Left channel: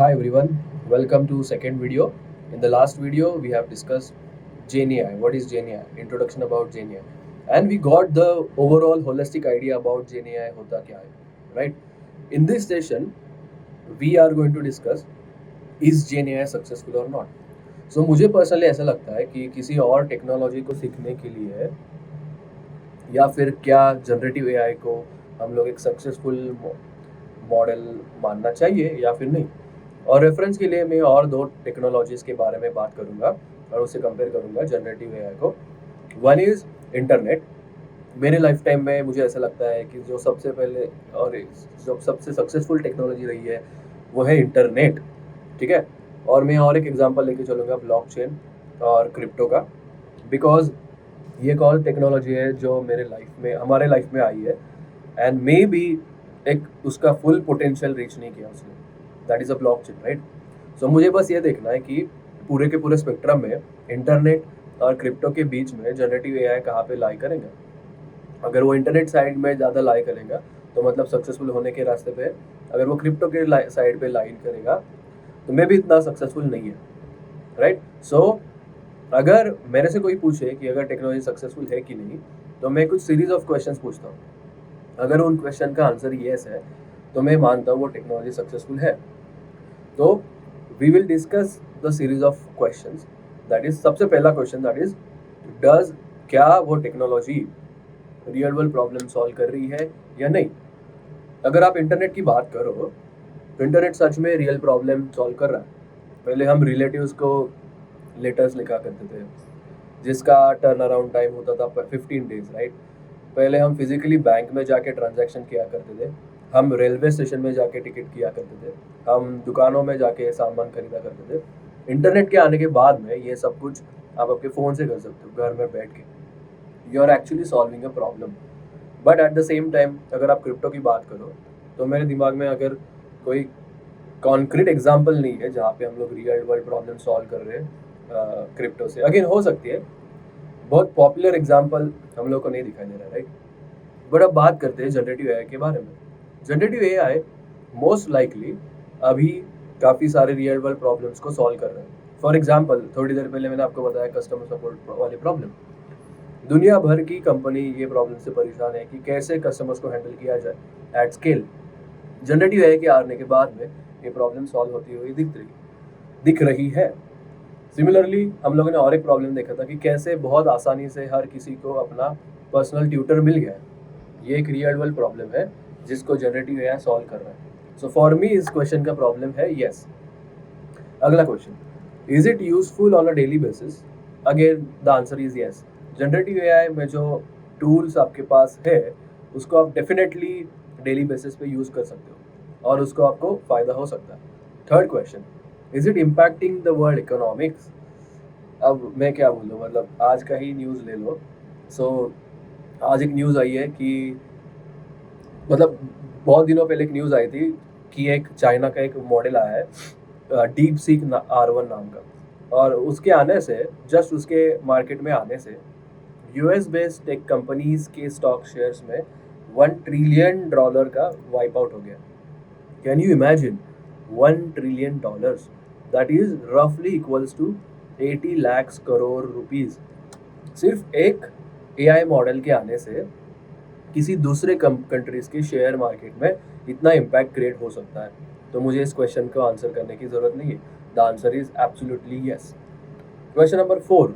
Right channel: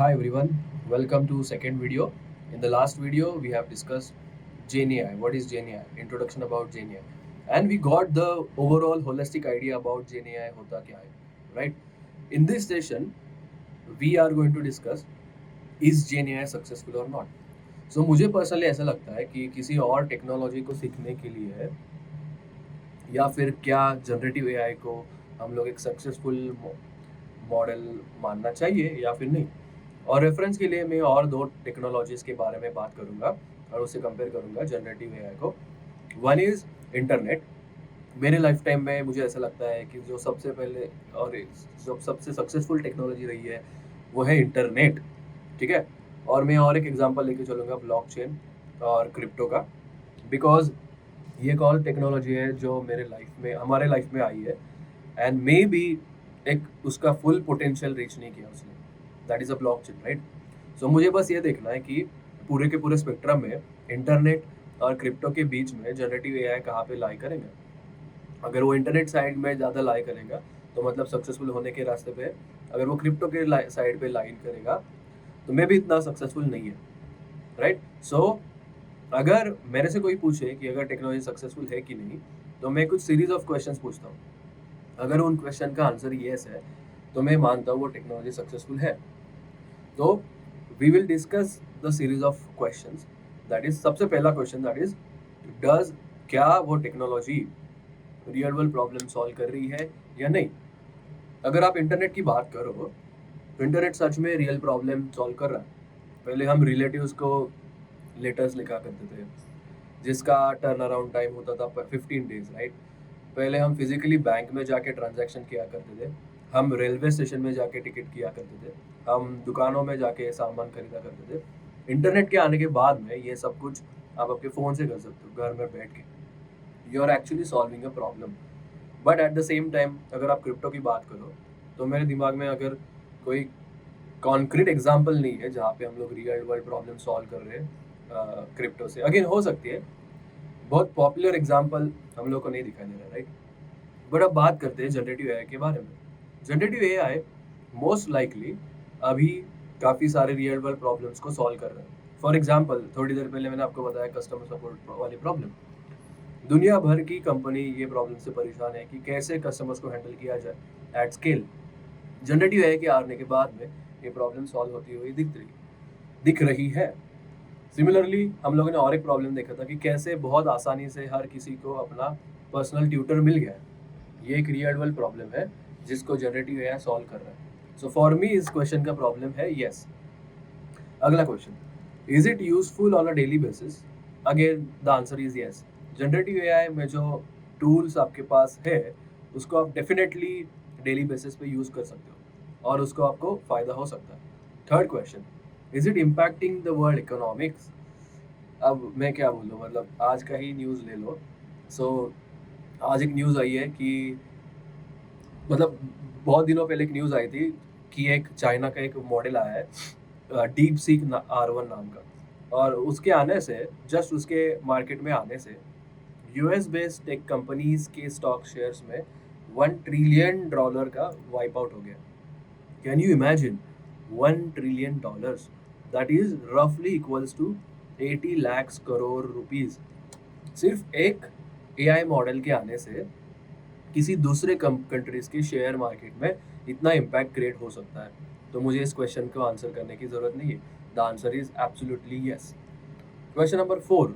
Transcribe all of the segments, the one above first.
Hi everyone, welcome to second video. In the last video, we have discussed GenAI. What is GenAI? Introduction about GenAI, and we got the overall holistic idea about GenAI होता क्या है, right? In this session, we are going to discuss is GenAI successful or not. So मुझे personally ऐसा लगता है कि किसी और टेक्नोलॉजी को सीखने के लिए या फिर क्या जनरेटिव एआई को हम लोग एक सक्सेसफुल मॉडल मानना चाहिए या फिर नहीं। और रेफरेंस के लिए मैं और दो टेक्नोलॉजीज के बारे में बात करूंगा और उससे कंपेयर करूंगा जनरेटिव एआई को। One is internet. मेरे लाइफ टाइम में मुझे ऐसा लगता है कि जो सबसे पहले और जो सबसे सक्सेसफुल टेक्नोलॉजी रही है वो है इंटरनेट। ठीक है, और मैं और एक एग्जांपल लेके चलूँगा ब्लॉकचेन और क्रिप्टो का, बिकॉज ये एक और टेक्नोलॉजी है जो मेरे लाइफ में हमारे लाइफ में आई है एंड मे बी एक उसका फुल पोटेंशियल रीच नहीं किया उसने। That is a blockchain, right? So मुझे बस ये देखना है कि पूरे के पूरे स्पेक्ट्रम में इंटरनेट और क्रिप्टो के बीच में जनरेटिव एआई कहाँ पे लाई करेंगे। अगर वो इंटरनेट साइड में ज़्यादा लाई करेगा तो मतलब सक्सेसफुल होने के रास्ते पे। अगर वो क्रिप्टो के साइड पे लाइन करेगा तो मे भी इतना सक्सेसफुल नहीं है, राइट? सो अगर मेरे से कोई पूछे कि अगर टेक्नोलॉजी सक्सेसफुल है कि नहीं, तो मैं कुछ सीरीज ऑफ क्वेश्चंस पूछता हूँ। अगर उन क्वेश्चन का आंसर येस है तो मैं मानता हूँ वो टेक्नोलॉजी सक्सेसफुल है। तो we will discuss the series of questions. That is सबसे पहला क्वेश्चन, दैट इज डज क्या वो technology real world problem solve कर रही है या नहीं। अगर आप इंटरनेट की बात करो तो इंटरनेट सच में रियल प्रॉब्लम सॉल्व कर रहा है। पहले हम रिलेटिव्स को लेटर्स लिखा करते थे जिसका टर्न अराउंड टाइम होता था 15 डेज, राइट? पहले हम फिजिकली बैंक में जाके ट्रांजैक्शन किया करते थे, हम रेलवे स्टेशन में जाके टिकट किया करते थे, हम दुकानों में जाके सामान खरीदा करते थे। इंटरनेट के आने के बाद में ये सब कुछ आप आपके फ़ोन से कर सकते हो घर में बैठ के। You are actually solving a problem. But at the same time अगर आप क्रिप्टो की बात करो तो मेरे दिमाग में अगर कोई कॉन्क्रीट एग्जाम्पल नहीं है जहाँ पे हम लोग रियल वर्ल्ड प्रॉब्लम सॉल्व कर रहे हैं क्रिप्टो से। अगेन हो सकती है, बहुत पॉपुलर एग्जाम्पल हम लोग को नहीं दिखाई दे रहा है, राइट? बट अब बात करते हैं जनरेटिव एआई के बारे में। जनरेटिव एआई मोस्ट लाइकली अभी काफ़ी सारे रियल वर्ल्ड प्रॉब्लम्स को सॉल्व कर रहे हैं। फॉर एग्जाम्पल थोड़ी देर पहले मैंने आपको बताया कस्टमर सपोर्ट वाली प्रॉब्लम। दुनिया भर की कंपनी ये प्रॉब्लम से परेशान है कि कैसे कस्टमर्स को हैंडल किया जाए एट स्केल। जनरेटिव एआई के आने के बाद में ये प्रॉब्लम सॉल्व होती हुई दिख रही है। सिमिलरली हम लोगों ने और एक प्रॉब्लम देखा था कि कैसे बहुत आसानी से हर किसी को अपना पर्सनल ट्यूटर मिल गया है। ये एक रियल वर्ल्ड प्रॉब्लम है जिसको जनरेटिव एआई सॉल्व कर रहा है। सो फॉर मी इस क्वेश्चन का प्रॉब्लम है यस। अगला question, is it useful on a daily basis? Again the answer is yes. Generative AI में जो टूल्स आपके पास है उसको आप डेफिनेटली डेली बेसिस पे यूज कर सकते हो और उसको आपको फायदा हो सकता है। Third question, is it impacting the world economics? अब मैं क्या बोलूँ, मतलब आज का ही न्यूज़ ले लो। सो आज एक न्यूज़ आई है कि मतलब बहुत दिनों पहले एक न्यूज़ आई थी कि एक चाइना का एक मॉडल आया है डीप सीक R1 नाम का, और उसके आने से जस्ट उसके मार्केट में आने से यूएस बेस्ड टेक कंपनीज के स्टॉक शेयर्स में $1 ट्रिलियन का वाइप आउट हो गया। Can you imagine $1 trillion? That is रफली equals to 80 lakh crore rupees. सिर्फ एक एआई मॉडल के आने से किसी दूसरे कंट्रीज के शेयर मार्केट में इतना इम्पैक्ट क्रिएट हो सकता है। तो मुझे इस क्वेश्चन को आंसर करने की जरूरत नहीं है। The answer is absolutely yes. Question number 4,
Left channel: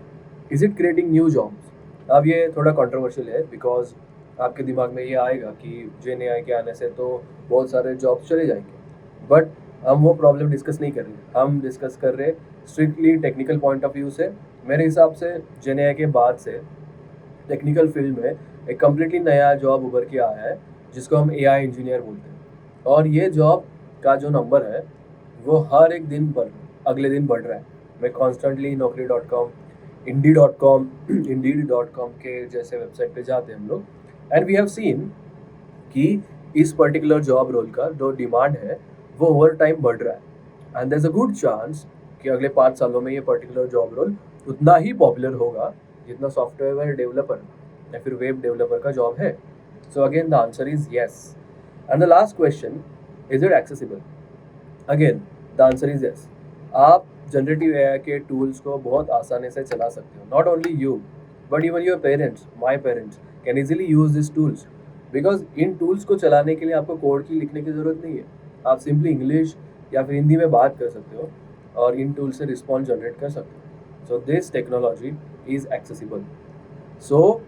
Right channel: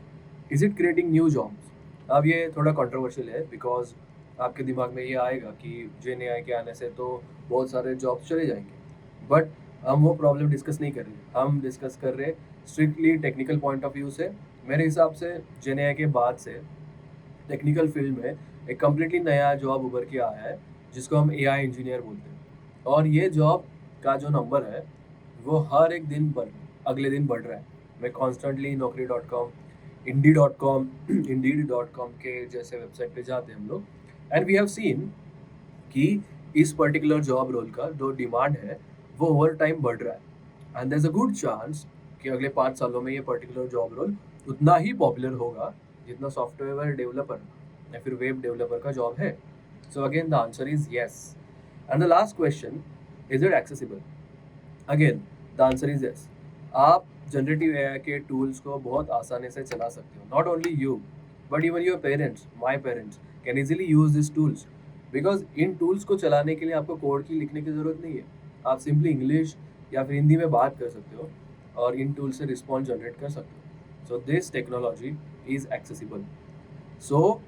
is it creating new jobs? अब ये थोड़ा कंट्रोवर्शियल है बिकॉज आपके दिमाग में ये आएगा कि जेन एआई के आने से तो बहुत सारे जॉब्स चले जाएंगे, बट हम वो प्रॉब्लम डिस्कस नहीं कर रहे। हम डिस्कस कर रहे strictly technical point of view से। मेरे हिसाब से जेन एआई के बाद से टेक्निकल फील्ड में एक कम्प्लीटली नया जॉब उभर के आया है जिसको हम एआई इंजीनियर बोलते हैं। और ये जॉब का जो नंबर है वो हर एक दिन अगले दिन बढ़ रहा है। मैं कॉन्स्टेंटली naukri.com, इंडी.com इंडीड.com के जैसे वेबसाइट पे जाते हैं हम लोग, एंड वी हैव सीन कि इस पर्टिकुलर जॉब रोल का जो डिमांड है वो ओवर टाइम बढ़ रहा है। And there is a good chance कि अगले 5 सालों में ये पर्टिकुलर जॉब रोल उतना ही पॉपुलर होगा जितना सॉफ्टवेयर डेवलपर या फिर वेब डेवलपर का जॉब है। So again the answer is yes. And the last question, is it accessible? Again the answer is yes. आप जनरेटिव एआई के टूल्स को बहुत आसानी से चला सकते हो। Not only you but even your parents, my parents can easily use this tools, because in tools को चलाने के लिए आपको कोड की लिखने की ज़रूरत नहीं है। आप सिंपली इंग्लिश या फिर हिंदी में बात कर सकते हो और इन टूल से रिस्पॉन्स जनरेट कर सकते हो। So this technology is accessible. So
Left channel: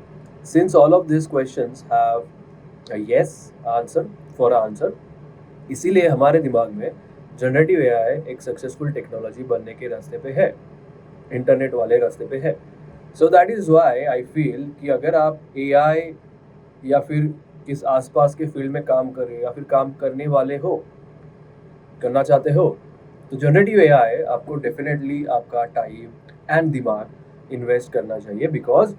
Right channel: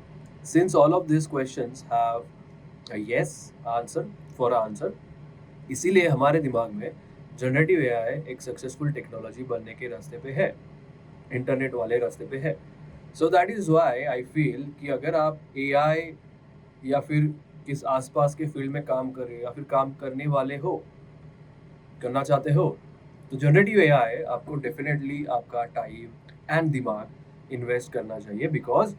since all of this questions have a yes answer for a answer, इसीलिए हमारे दिमाग में जनरेटिव एआई एक सक्सेसफुल टेक्नोलॉजी बनने के रास्ते पे है, इंटरनेट वाले रास्ते पे है। So that is why I feel कि अगर आप एआई या फिर किस आसपास के फील्ड में काम कर रहे हो या फिर काम करने वाले हो, करना चाहते हो, तो जनरेटिव एआई आपको डेफिनेटली आपका टाइम एंड दिमाग इन्वेस्ट करना चाहिए, बिकॉज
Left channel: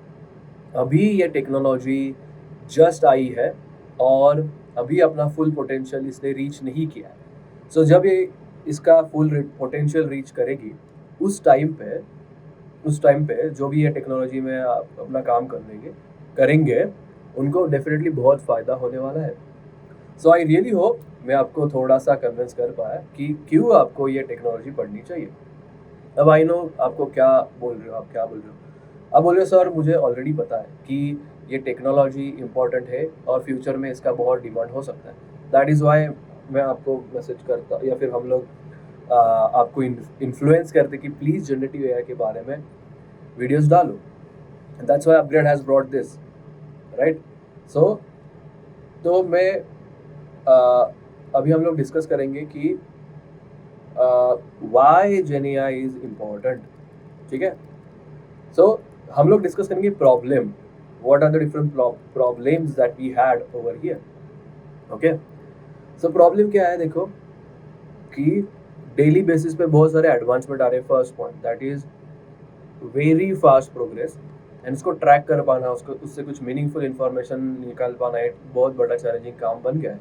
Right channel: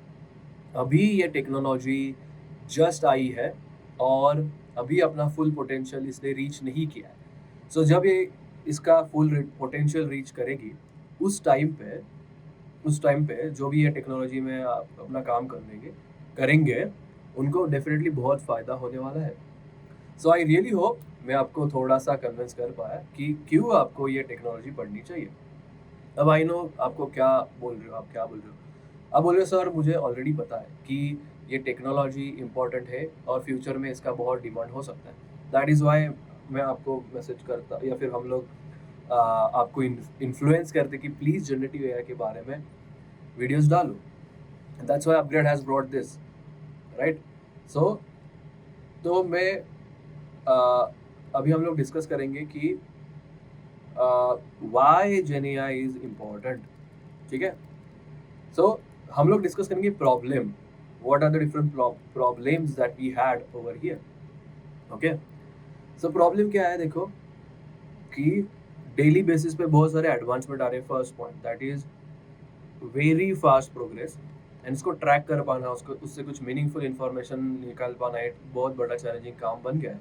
अभी ये टेक्नोलॉजी जस्ट आई है और अभी अपना फुल पोटेंशियल इसने रीच नहीं किया है। सो जब ये इसका फुल पोटेंशियल रीच करेगी उस टाइम पे जो भी ये टेक्नोलॉजी में आप अपना काम करेंगे उनको डेफिनेटली बहुत फ़ायदा होने वाला है। सो आई रियली होप मैं आपको थोड़ा सा कन्विंस कर पाया कि क्यों आपको ये टेक्नोलॉजी पढ़नी चाहिए। अब आई नो आपको क्या बोल रहे हो, आप क्या बोल रहे हो, आप बोल रहे हो सर मुझे ऑलरेडी पता है कि ये टेक्नोलॉजी इम्पॉर्टेंट है और फ्यूचर में इसका बहुत डिमांड हो सकता है। दैट इज़ वाई मैं आपको मैसेज करता या फिर हम लोग आपको इन्फ्लुएंस करते कि प्लीज़ जनरेटिव एआई के बारे में वीडियोस डालो। That's why upgrade has brought this, right. So तो मैं अभी हम लोग डिस्कस करेंगे कि वाई जेनियाई इज इम्पॉर्टेंट, ठीक है। सो हम लोग डिस्कस करेंगे problem, what are the different problems that we had over here, okay। so problem क्या है, देखो कि डेली बेसिस पे बहुत सारे एडवांसमेंट आ रहे हैं। First point that is very fast progress, and इसको ट्रैक कर पाना, उसको उससे कुछ मीनिंगफुल इंफॉर्मेशन निकाल पाना एक बहुत बड़ा चैलेंजिंग काम बन गया है।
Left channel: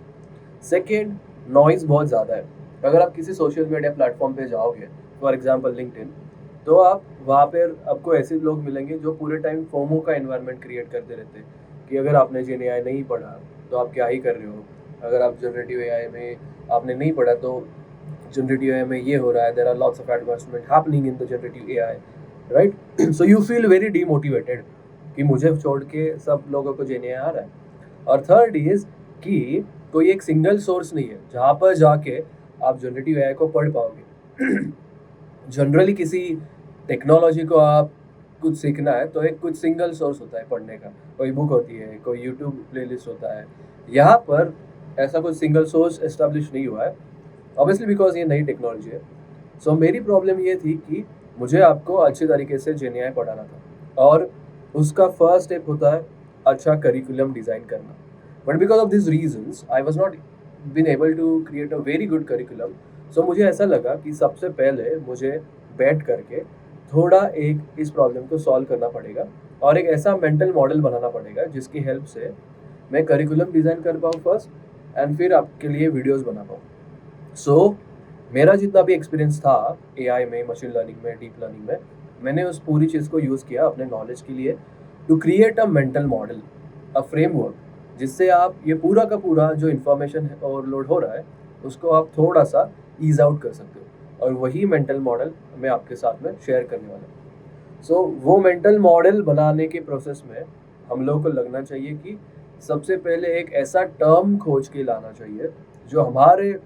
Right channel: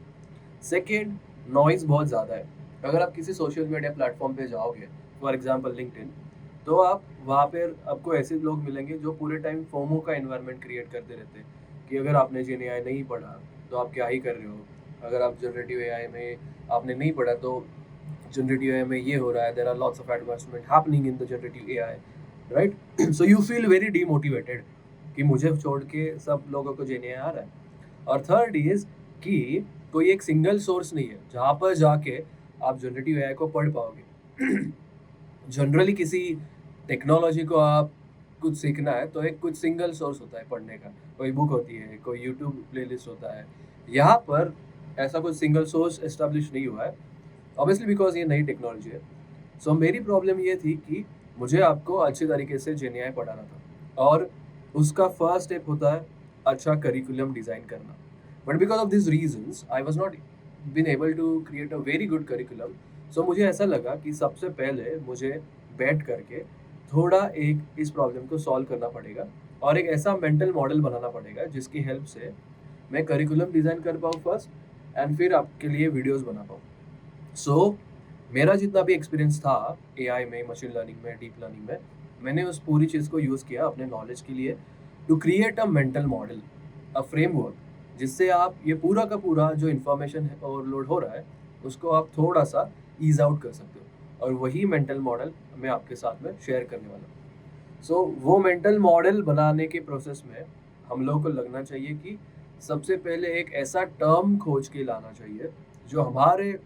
सेकेंड, नॉइज बहुत ज़्यादा है। अगर आप किसी सोशल मीडिया प्लेटफॉर्म पे जाओगे, फॉर एग्जाम्पल लिंक्डइन, तो आप वहाँ पर आपको ऐसे लोग मिलेंगे जो पूरे टाइम फोमो का एनवायरनमेंट क्रिएट करते रहते हैं कि अगर आपने जेन एआई नहीं पढ़ा तो आप क्या ही कर रहे हो, अगर आप जनरेटिव एआई में आपने नहीं पढ़ा तो जनरेटिव एआई में ये हो रहा है, there are lots of advancement happening in the generative AI, right. So you feel very demotivated कि मुझे छोड़ के सब लोगों को जेन एआई आ रहा है। और थर्ड इज कि कोई एक सिंगल सोर्स नहीं है जहाँ पर जाके आप जनरेटिव एआई को पढ़ पाओगे। जनरली किसी टेक्नोलॉजी को आप कुछ सीखना है तो एक कुछ सिंगल सोर्स होता है पढ़ने का, कोई बुक होती है, कोई यूट्यूब प्लेलिस्ट होता है। यहाँ पर ऐसा कुछ सिंगल सोर्स एस्टेब्लिश नहीं हुआ है, ऑब्वियसली बिकॉज ये नई टेक्नोलॉजी है। सो मेरी प्रॉब्लम ये थी कि मुझे आपको अच्छे तरीके से जेन एआई पढ़ाना था और उसका फर्स्ट स्टेप होता है अच्छा करिकुलम डिज़ाइन करना। But because of this reasons I was not been able to create a very good curriculum. So मुझे ऐसा लगा कि सबसे पहले मुझे बैठ करके थोड़ा एक इस प्रॉब्लम को सॉल्व करना पड़ेगा और एक ऐसा मेंटल मॉडल बनाना पड़ेगा जिसकी हेल्प से मैं करिकुलम डिज़ाइन कर पाऊँ फर्स्ट, एंड फिर आपके लिए वीडियोस बना पाऊँ। सो मेरा जितना भी एक्सपीरियंस था एआई में, मशीन लर्निंग में, डीप लर्निंग में, मैंने उस पूरी चीज़ को यूज़ किया अपने नॉलेज के लिए to create a mental model, a framework, जिससे आप ये पूरा का पूरा जो इन्फॉर्मेशन ओवरलोड हो रहा है उसको आप थोड़ा सा ईज आउट कर सकते हो। और वही मेंटल मॉडल मैं आपके साथ में शेयर करने वाला हूँ। सो वो मेंटल मॉडल बनाने के प्रोसेस में हम लोगों को लगना चाहिए कि सबसे पहले एक ऐसा टर्म खोज के लाना चाहिए जो हमारे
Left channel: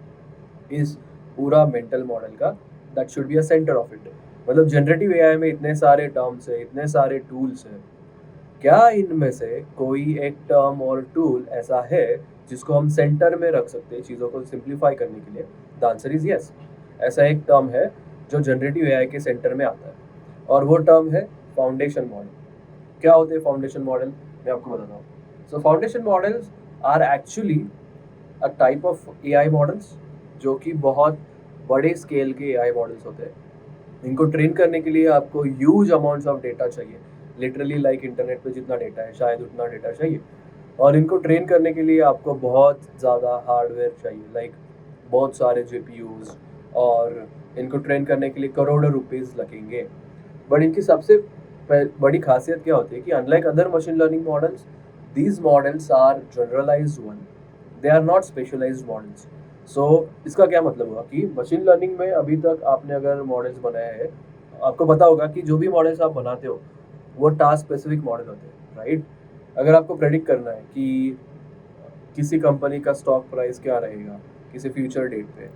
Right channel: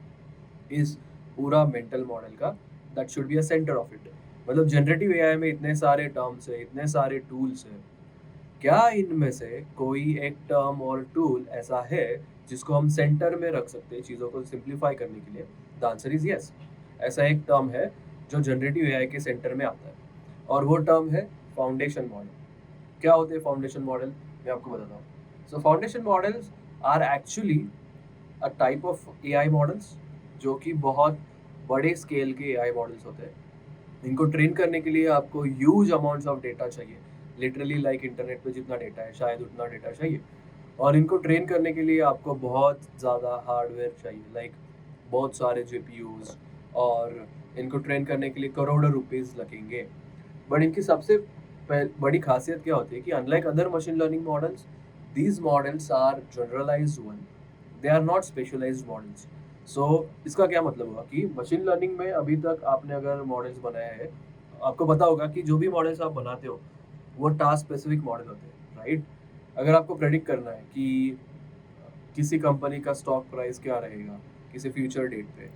इस पूरा मेंटल मॉडल का that should be a centre of it. मतलब जनरेटिव एआई में इतने सारे टर्म्स है, इतने सारे टूल्स हैं, क्या इनमें से कोई एक टर्म और टूल ऐसा है जिसको हम सेंटर में रख सकते हैं चीज़ों को सिंप्लीफाई करने के लिए? The answer is yes. ऐसा एक टर्म है जो जनरेटिव एआई के सेंटर में आता है और वो टर्म है फाउंडेशन मॉडल। क्या होते हैं फाउंडेशन मॉडल, मैं आपको बताता हूँ। So foundation models are actually a type of AI models जो कि बहुत बड़े स्केल के एआई मॉडल्स होते हैं। इनको ट्रेन करने के लिए आपको ह्यूज अमाउंट्स ऑफ डेटा चाहिए, लिटरली लाइक इंटरनेट पे जितना डेटा है शायद उतना डेटा चाहिए। और इनको ट्रेन करने के लिए आपको बहुत ज़्यादा हार्डवेयर चाहिए, लाइक बहुत सारे जीपीयूज, और इनको ट्रेन करने के लिए करोड़ों रुपीस लगेंगे। बट इनकी सबसे बड़ी खासियत क्या होती है कि unlike other machine learning models, these models are generalized one, they are not specialized models. So इसका क्या मतलब हुआ कि मशीन लर्निंग में अभी तक आपने अगर मॉडल्स बनाए हैं, आपको पता होगा कि जो भी मॉडल्स आप बनाते हो वो टास्क स्पेसिफिक मॉडल होते हैं, राइट? अगर आपको प्रेडिक्ट करना है कि किसी कंपनी का स्टॉक प्राइस क्या रहेगा किसी फ्यूचर डेट पे,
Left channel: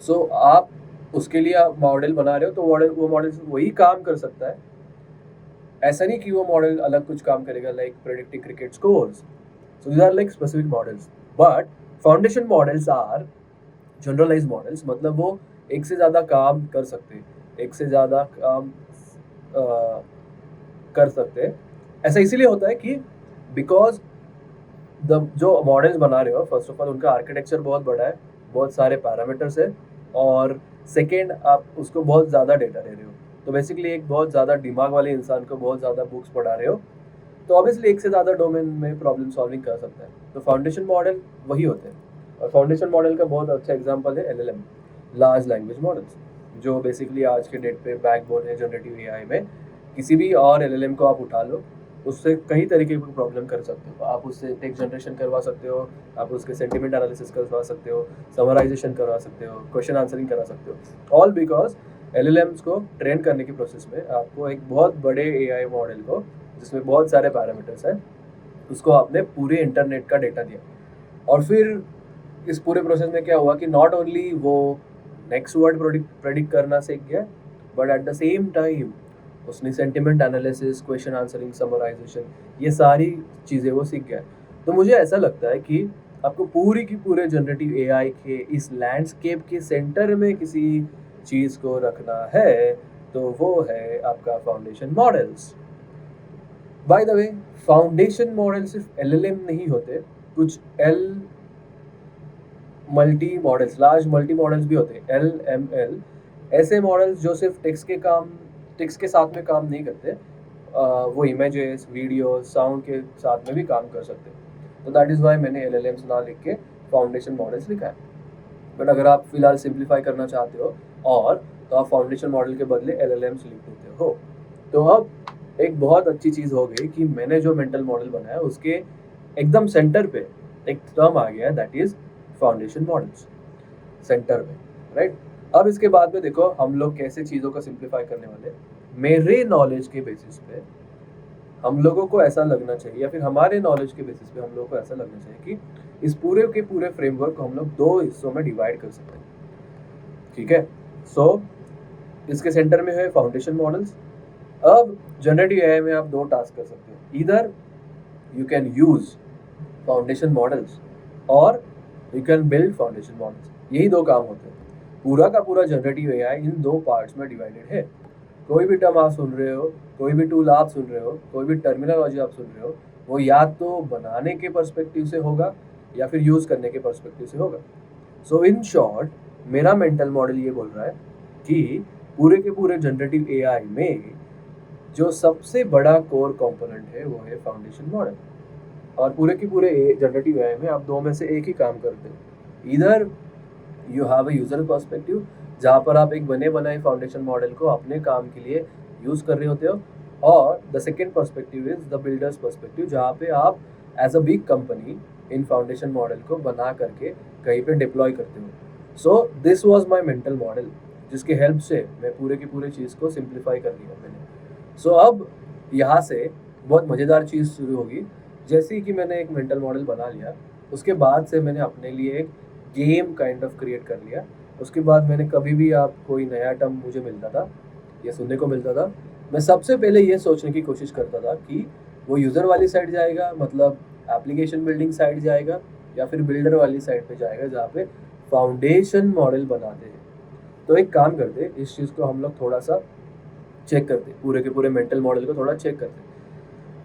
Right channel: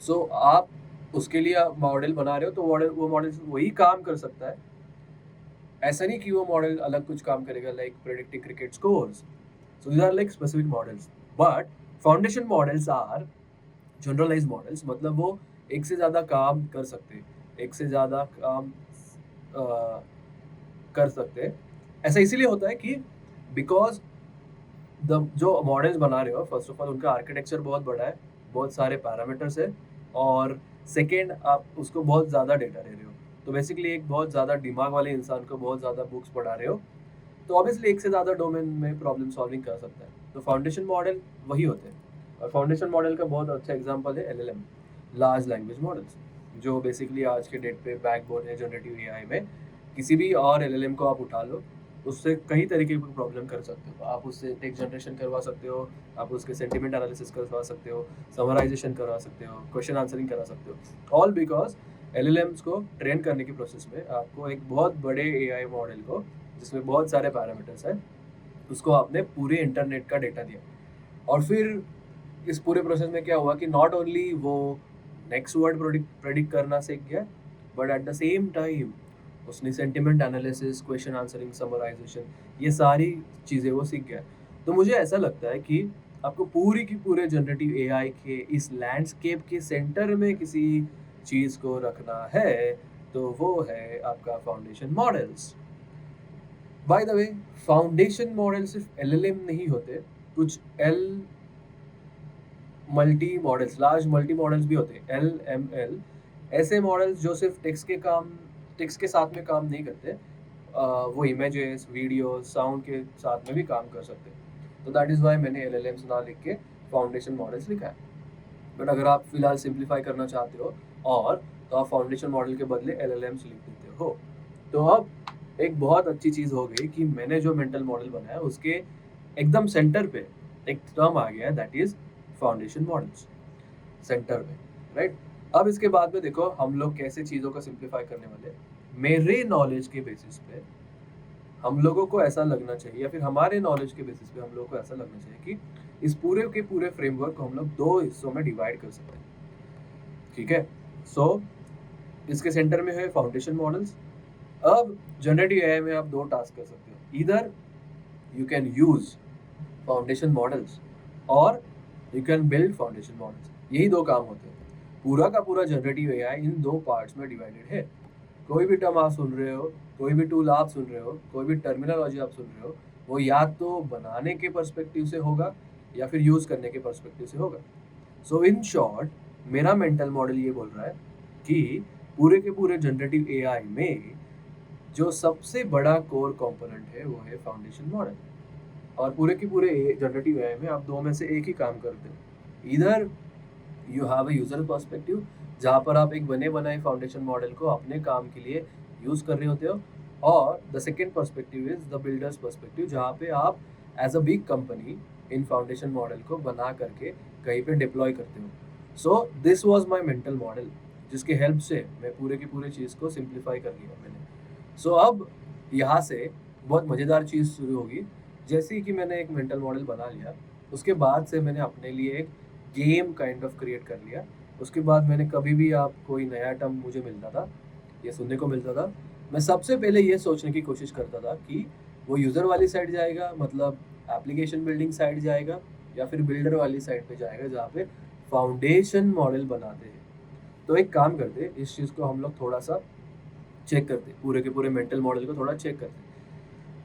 सो आप उसके लिए आप मॉडल बना रहे हो, तो वो मॉडल वही काम कर सकता है। ऐसा नहीं कि वो मॉडल अलग कुछ काम करेगा, like predicting cricket scores. So these are like specific models, but foundation models are generalize models, मतलब वो एक से ज़्यादा काम कर सकते हैं, एक से ज़्यादा काम अ, कर सकते हैं। ऐसा इसीलिए होता है कि बिकॉज द जो मॉडल्स बना रहे हो, फर्स्ट ऑफ ऑल उनका आर्किटेक्चर बहुत बड़ा है, बहुत सारे पैरामीटर्स है, और सेकेंड आप उसको बहुत ज़्यादा डेटा दे रहे हो, तो बेसिकली एक बहुत ज़्यादा दिमाग वाले इंसान को बहुत ज़्यादा बुक्स पढ़ा रहे हो, तो ऑब्वियसली एक से ज़्यादा डोमेन में प्रॉब्लम सॉल्विंग कर सकता है। तो फाउंडेशन मॉडल वही होते हैं, और फाउंडेशन मॉडल का बहुत अच्छा एग्जांपल है एलएलएम, लार्ज लैंग्वेज मॉडल्स, जो बेसिकली आज के डेट पे बैकबोन है जनरेटिव एआई में। किसी भी और एलएलएम को आप उठा लो, उससे कई तरीके की प्रॉब्लम कर सकते हो। आप उससे टेक्स्ट जनरेशन करवा सकते हो, आप उसके सेंटिमेंट एनालिसिस करवा सकते हो, समराइजेशन करवा सकते हो, क्वेश्चन आंसरिंग करा सकते हो, ऑल बिकॉज एलएलएम्स को ट्रेन करने की प्रोसेस में आपको एक बहुत बड़े एआई मॉडल को, जिसमें बहुत सारे पैरामीटर्स हैं, उसको आपने पूरे इंटरनेट का डेटा दिया। और फिर इस पूरे प्रोसेस में क्या हुआ कि नॉट ओनली वो नेक्स्ट वर्ड प्रेडिक्ट करना सीख गया, but at the same time उसने sentiment analysis, question answering, summarization, ये सारी चीज़ें वो सीख गया। तो मुझे ऐसा लगता है कि आपको पूरी की पूरे जनरेटिव एआई के इस लैंडस्केप के सेंटर में किसी चीज़ को रखना है, तो वो है आपका foundation models. By the way, foundation model सिर्फ एलएलएम नहीं होते, कुछ L multi models, large multi models भी होते हैं, एल ऐसे मॉडल्स जो सिर्फ टेक्स्ट के साथ में काम नहीं करते, वो इमेजेस, वीडियो, साउंड के साथ में भी काम कर सकते हैं। तो दैट इज़ वाई मैंने एलएलएम्स ना लिख के फाउंडेशन मॉडल्स लिखा है। बट अगर आप फिलहाल सिंप्लीफाई करना चाहते हो और, तो आप फाउंडेशन मॉडल के बदले एलएलएम्स लिख देते हो। तो अब एक बहुत अच्छी चीज़ हो गई कि मैंने जो मेंटल मॉडल बनाया उसके एकदम सेंटर पे एक टर्म आ गया, that is foundation models, centre में, राइट? अब इसके बाद में देखो हम लोग कैसे चीज़ों को सिंप्लीफाई करने वाले। मेरे नॉलेज के बेसिस पे हम लोगों को ऐसा लगना चाहिए, या फिर हमारे नॉलेज के बेसिस पे हम लोगों को ऐसा लगना चाहिए कि इस पूरे के पूरे फ्रेमवर्क को हम लोग दो हिस्सों में डिवाइड कर सकते हैं, ठीक है? सो इसके सेंटर में है फाउंडेशन मॉडल्स। अब जनरेटिव एआई में आप दो टास्क कर सकते हो, इधर you can use foundation models और you can build foundation models. यही दो काम होते हैं। पूरा का पूरा जनरेटिव एआई इन दो पार्ट्स में डिवाइडेड है। कोई भी टर्म आप सुन रहे हो, कोई भी टूल आप सुन रहे हो, कोई भी टर्मिनोलॉजी आप सुन रहे हो, वो या तो बनाने के पर्सपेक्टिव से होगा या फिर यूज करने के पर्सपेक्टिव से होगा। सो इन शॉर्ट, मेरा मेंटल मॉडल ये बोल रहा है कि पूरे के पूरे जनरेटिव एआई में जो सबसे बड़ा कोर कंपोनेंट है वो है फाउंडेशन मॉडल। और पूरे के पूरे जनरेटिव एआई में आप दो में से एक ही काम करते हो। इधर you have a user perspective, जहाँ पर आप एक बने बनाए फाउंडेशन मॉडल को अपने काम के लिए यूज कर रहे होते हो, और the second perspective is the builders perspective, जहाँ पे आप as a big company in foundation model को बना करके कहीं पे डिप्लॉय करते हो। So this was my mental model, जिसके हेल्प से मैं पूरे की पूरे चीज़ को सिंप्लीफाई कर लिया मैंने। सो अब यहाँ से बहुत मज़ेदार चीज़ शुरू होगी। जैसे ही कि मैंने एक मेंटल मॉडल बना लिया, उसके बाद से मैंने अपने लिए एक गेम काइंड ऑफ क्रिएट कर लिया। उसके बाद मैंने कभी भी आप कोई नया टर्म मुझे मिलता था या सुनने को मिलता था, मैं सबसे पहले ये सोचने की कोशिश करता था कि वो यूज़र वाली साइड जाएगा, मतलब एप्लीकेशन बिल्डिंग साइड जाएगा, या फिर बिल्डर वाली साइड पे जाएगा जहाँ पे फाउंडेशन मॉडल बनाते हैं। तो एक काम करते, इस चीज़ को हम लोग थोड़ा सा चेक करते, पूरे के पूरे मेंटल मॉडल को थोड़ा चेक करते,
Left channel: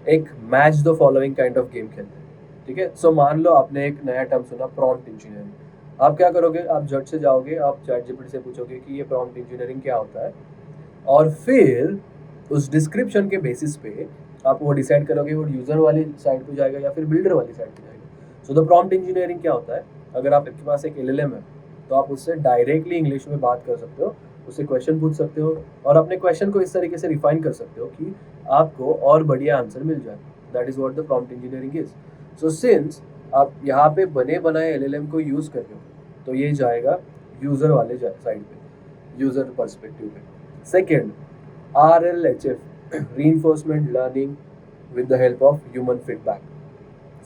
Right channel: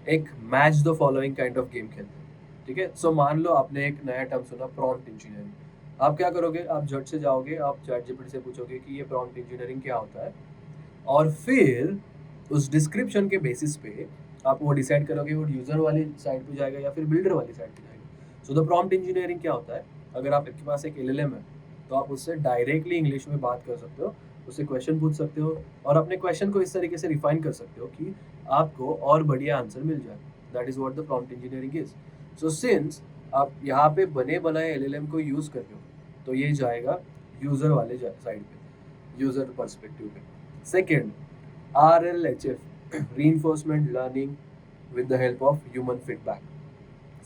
एक match the following kind of game खेलते हैं, ठीक है? सो मान लो आपने एक नया टर्म सुना, प्रॉम्प्ट इंजीनियरिंग। आप क्या करोगे, आप झट से जाओगे, आप चैट जीपीटी से पूछोगे कि ये प्रॉम्प्ट इंजीनियरिंग क्या होता है, और फिर उस डिस्क्रिप्शन के बेसिस पे आप वो डिसाइड करोगे वो यूज़र वाली साइड पे जाएगा या फिर बिल्डर वाली साइड पे जाएगा। सो द प्रॉम्प्ट इंजीनियरिंग क्या होता है, अगर आपके पास एक एलएलएम है, तो आप उससे डायरेक्टली इंग्लिश में बात कर सकते हो, उससे क्वेश्चन पूछ सकते हो, और अपने क्वेश्चन को इस तरीके से रिफाइन कर सकते हो कि आपको और बढ़िया आंसर मिल जाए। That is what the prompt engineering is. So since आप यहाँ पे बने बनाए एलएलएम को यूज़ कर रहे हो, तो ये जाएगा यूज़र वाले साइड पे, यूज़र पर्सपेक्टिव पे। Second, RLHF, reinforcement learning with the help of human feedback.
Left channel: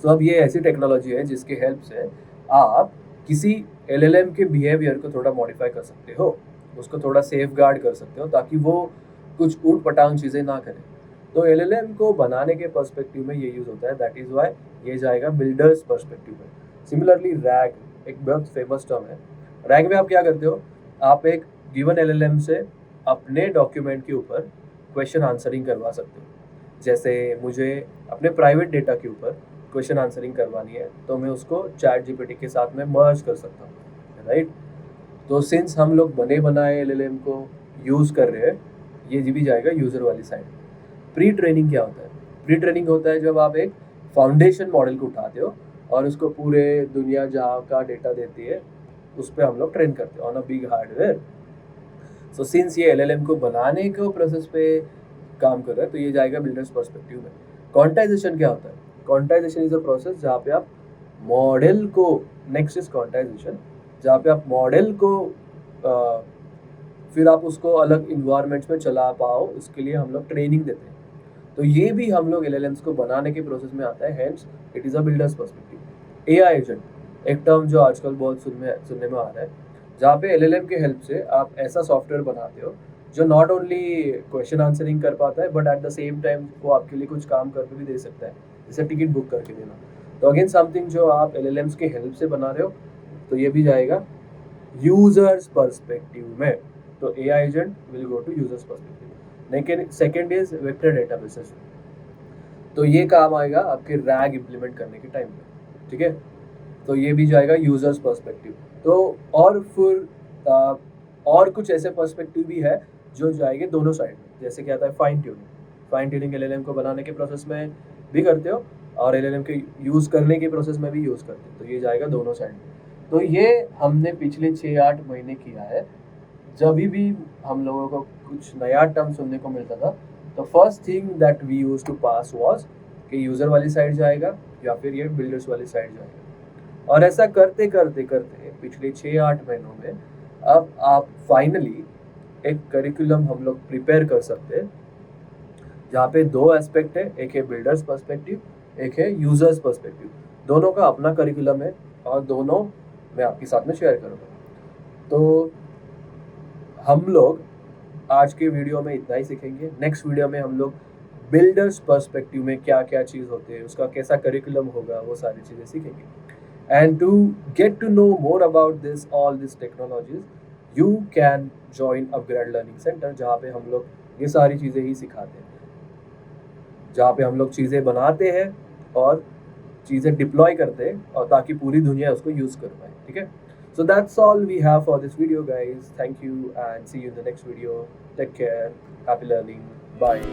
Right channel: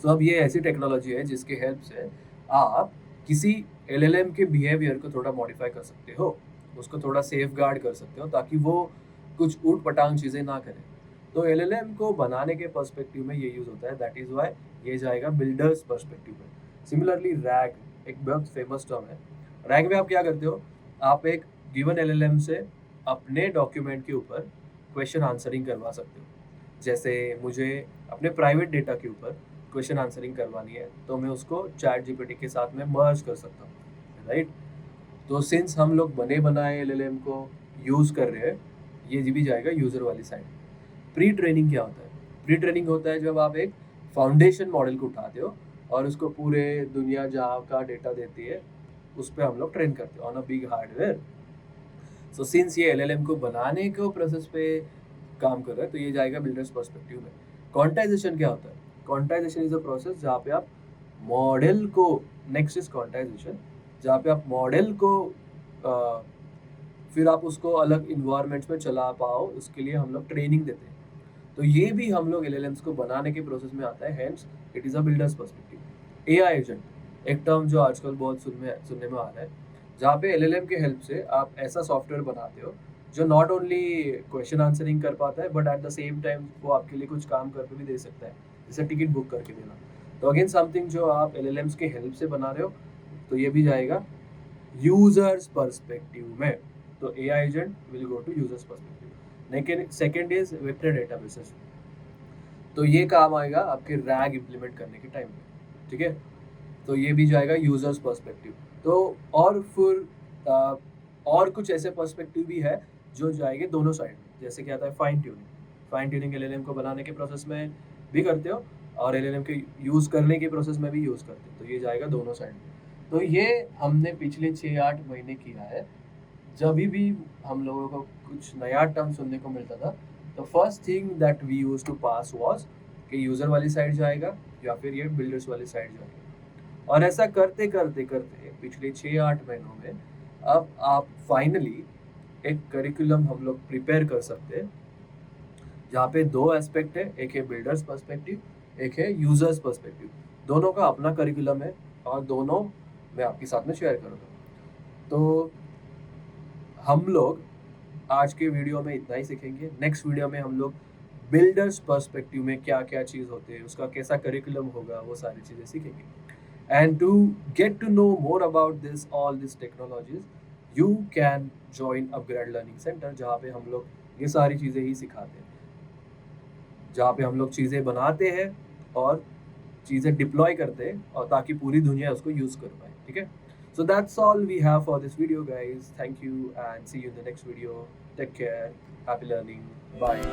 तो अब ये ऐसी टेक्नोलॉजी है जिसके हेल्प से आप किसी LLM के बिहेवियर को थोड़ा मॉडिफाई कर सकते हो, उसको थोड़ा सेफ गार्ड कर सकते हो ताकि वो कुछ ऊट पटांग चीज़ें ना करे। तो LLM को बनाने के पर्सपेक्टिव में ये यूज़ होता है, दैट इज़ वाई ये जाएगा बिल्डर्स पर्सपेक्टिव में। सिमिलरली रैग एक बहुत फेमस टर्म है। रैग में आप क्या करते हो, आप एक गिवन LLM से अपने डॉक्यूमेंट के ऊपर क्वेश्चन आंसरिंग करवा सकते हो। जैसे मुझे अपने प्राइवेट डेटा के ऊपर क्वेश्चन आंसरिंग करवानी है तो मैं उसको ChatGPT के साथ में मर्ज कर सकता हूँ, राइट। तो सिंस हम लोग बने बनाए LLM को यूज़ कर रहे हैं, ये भी जाएगा यूज़र वाली साइड। प्री ट्रेनिंग क्या होता है? प्री ट्रेनिंग होता है जब आप एक फाउंडेशन मॉडल को उठाते हो और उसको पूरे दुनिया जहाँ का डेटा देती है उस पर हम लोग ट्रेन करते हैं on a big hardware. So since ये LLM को बनाने के प्रोसेस पे काम कर रहा है तो ये जाएगा बिल्डर्स पर्सपेक्टिव में। क्वांटाइजेशन क्या होता है? क्वांटाइजेशन इज अ प्रोसेस जहाँ पे आप मॉडल को, नेक्स्ट इज क्वांटाइजेशन, जहाँ पे आप मॉडल को फिर आप उसको अलग इन्वायरमेंट्स में चला पाओ, उसके लिए हम लोग ट्रेनिंग देते हैं। तो ये भी हम लोग LLMs को बनाने के प्रोसेस में आता है, hence it is a builders perspective. AI agent एक टर्म जो आजकल बहुत सुनने में आ रहा है, जहाँ पे LLM के हेल्प से आप ऐसा सॉफ्टवेयर बनाते हो जो नॉट ओनली क्वेश्चन आंसरिंग कर पाता है but at the same time वो आपके लिए कुछ काम करके भी दे सकता है, जैसे टिकट बुक करके देना। तो अगेन समथिंग जो आप LLMs के हेल्प से बना रहे हो, तो ये भी जाएगा यूजर्स पर्सपेक्टिव में। तो AI agent will go to users perspective. लेकिन सेकेंड इज वेक्टर डेटाबेसेस, तो ये काम आएगा आपके रैग इम्प्लीमेंट करने के टाइम पे, ठीक है। तो ये भी जाएगा यूजर्स पर्सपेक्टिव। तो और फिर और कुछ ऐसे पर्सपेक्टिव भी है जो जाएंगे दोनों साइड में, जैसे क्या आता है fine tuning. Fine tuning LLM को बनाने के प्रोसेस में भी करते हो और LLM के यूज़ करने के प्रोसेस में भी यूज़ करते हो, तो ये जाएगा दोनों साइड में। तो ये हमने पिछले 6-8 महीने किया है। जब भी हम लोगों को कुछ नया टर्म सुनने को मिलता था, तो first thing that we use to pass was कि यूज़र वाली साइड जाएगा या फिर ये बिल्डर्स वाली साइड जाएगा। और ऐसा करते करते करते पिछले 6-8 महीनों में अब आप फाइनली एक करिकुलम हम लोग प्रिपेयर कर सकते हैं जहाँ पे दो एस्पेक्ट है, एक है बिल्डर्स पर्सपेक्टिव, एक है यूजर्स पर्सपेक्टिव। दोनों का अपना करिकुलम है और दोनों मैं आपके साथ में शेयर करूँगा। तो हम लोग आज के वीडियो में इतना ही सीखेंगे। नेक्स्ट वीडियो में हम लोग बिल्डर्स पर्सपेक्टिव में क्या क्या चीज़ होते हैं, उसका कैसा करिकुलम होगा, वो सारी चीज़ें सीखेंगे। And to get to know more about this all this technologies, you can join upGrad learning center, जहाँ पे हम लोग ये सारी चीज़ें ही सिखाते हैं, जहाँ पे हम लोग चीज़ें बनाते हैं और चीज़ें डिप्लॉय करते हैं और ताकि पूरी दुनिया उसको यूज़ कर पाए, ठीक है। So that's all we have for this video, guys. Thank you and see you in the next video. Take care. Happy learning. Bye.